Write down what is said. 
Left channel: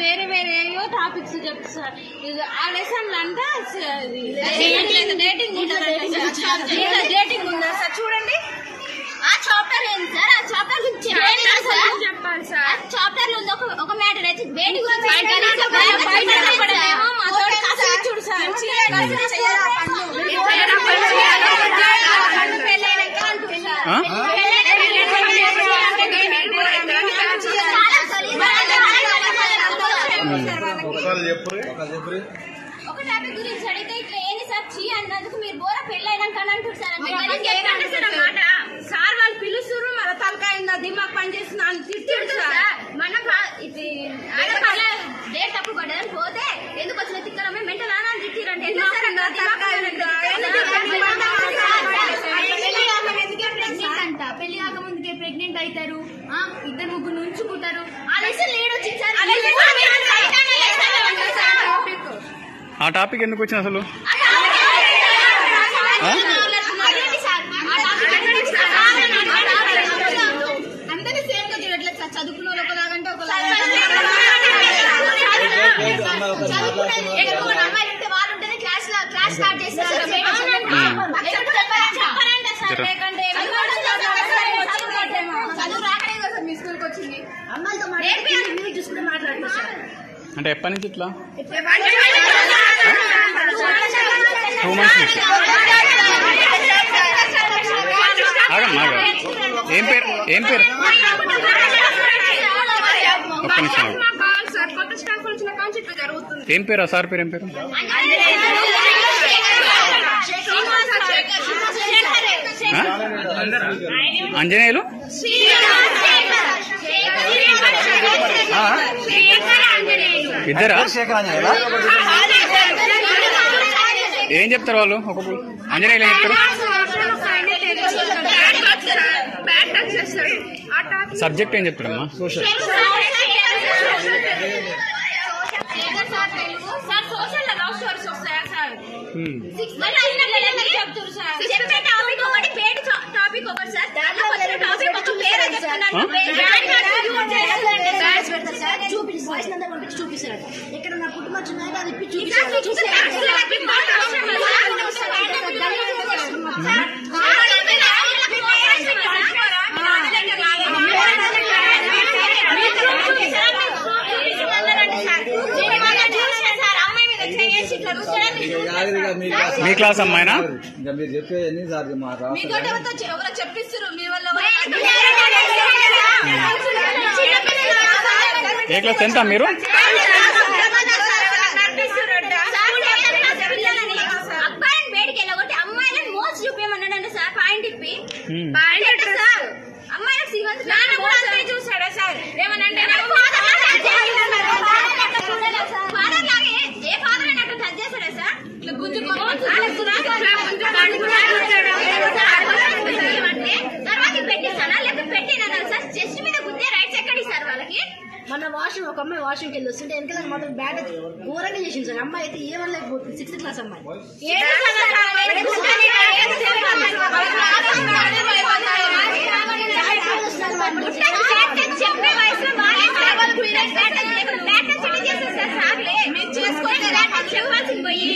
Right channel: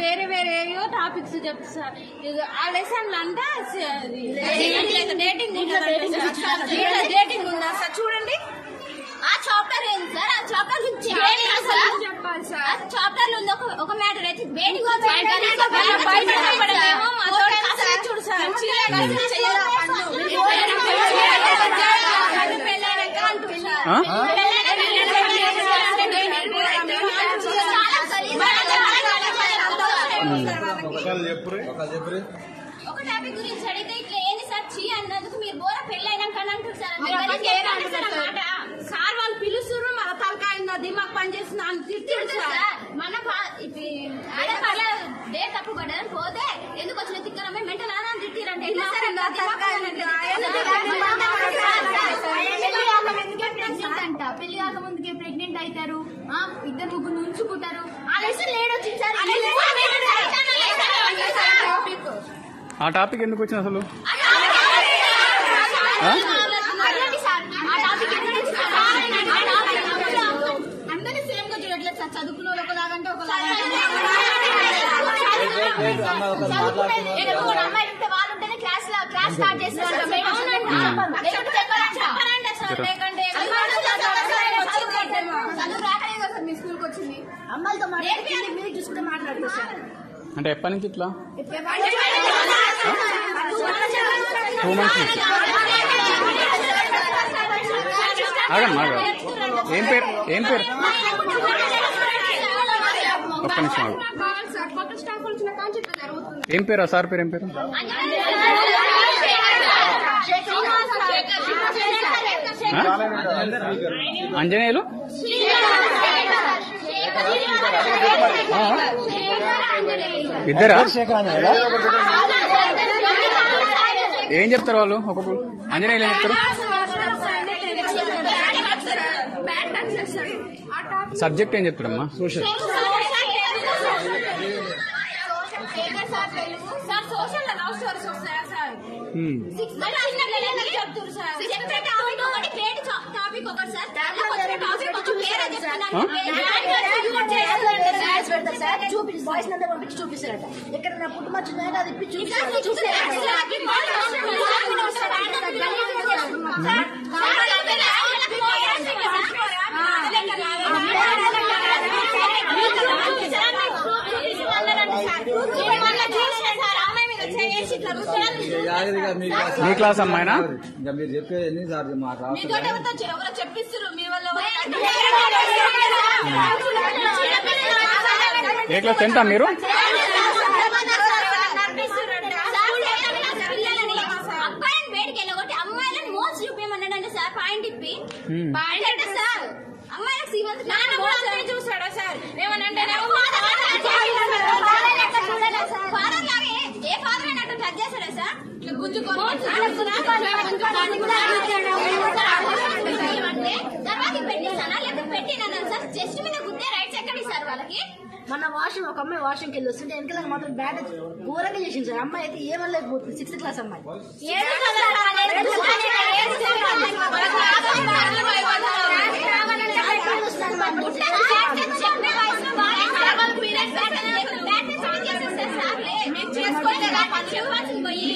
వేరే వేరేయో టాపిక్స్ చెప్తారు సార్. ఆ లెసన్ అంతా డేటింగ్ ఉందా సార్? చూడండి ఆ చాప్టర్ ఏంటి సార్? ఆ చాప్టర్ గురించి చెప్పాలి సార్. ఆ చాప్టర్ లో ఉంది ఒక మ్యాటర్ అయితే డేటింగ్ చూడు సార్. ఒక టాపిక్ గురించి అడిగితే ఇట్లా ఏంటి సార్ చీ అన్నందుకు మీరు బోర పెళ్ళైనాక అంటారు సార్. సార్ వాళ్ళు పిలుస్తున్నారు, మన తలకాయ దిమాగ్ పని చేస్తున్నా అని తిట్టారు సార్. మన డేట్ తప్పుడు పడ్డదని పోతే ఎందుకు వచ్చిన తిక్కలమే మెంటల్ అని తిట్టారంటే పెళ్లి కాక ముందుకే ప్రెగ్నెంట్ అవుతారు, ఇద్దరు ముగ్గురు ఉంచుకుంటారు. ఆ లెసన్ లేడు వచ్చింది సార్. ఆ టాపిక్ ఎందుకు వచ్చింది అసలు? అందరినీ సేమ్ గా చూడట్లేదు సార్. చదువుకున్న వాళ్ళు ఒకలాగంటే ఒకలాగా అమ్మాయి ఉంటే వాళ్ళు ఉంటేనే క్లాస్ స్టార్ట్ చేస్తారు. చదువు రాకనే కదా మీ స్కూల్కి వచ్చింది. అమ్మాయిలతో మాట్లాడి చూసుకుంటే మాట్లాడుతున్నారు అంటే ఎప్పటి నుంచి ఇట్లా? 2 months నుంచి. ఆగమ్మా ఏం పేరు? ఏం పేరు? ఒక్క నిమిషం ఆగు. ఏం పేరు? సార్ పేరు ఏం పేరు? అంజనేయులు ఇద్దరా? ఏం చెప్తారు వాళ్ళు? ఒక్కొక్కరు అంజనేయులు ఏం చెప్తారు? సబ్జెక్ట్ ఏం చెప్తాడమ్మా? సోషల్. చూపిస్తారట ఇక్కడ నా పుట్టుమచ్చున్నాయని అది మీ క్లాస్ అమ్మాయినా? మీరు చెప్పేది చెప్పిస్తారు మీ వల్ల. ఏ క్లాస్? 10th మీరు? అబ్బాయిని బయటకి వెళ్ళగొట్టి అమ్మాయిలను మోస్ట్ చూపించమన్నాడంటే సార్. పాయింట్ ఇప్పి సార్ అమ్మాయిలకు శ్రీమంత్ చూసాడా సార్? ఏమనంటే ఫాదర్ లాగే ఏ ఫాదర్ అయినట్టు టచ్ చేశాడా సార్? ఇట్లా తర్వాత పెట్టేసానా లేకపోతే పెట్టినా సార్? చెస్ట్ మీద గుద్దే రైట్స్ ఎక్కడి సార్ వాళ్ళకి? మన వాష్రూమ్ ఒక అమ్మాయి వాష్రూమ్కి వెళ్ళి వస్తుంటే వెనకాల మాత్రం బ్యాట్ అయితే ఘోరంగా చేసింది సార్. అమ్మాయి అయితే ఏమనలేకపోతుంది. 6th క్లాస్ అమ్మాయి. పోయి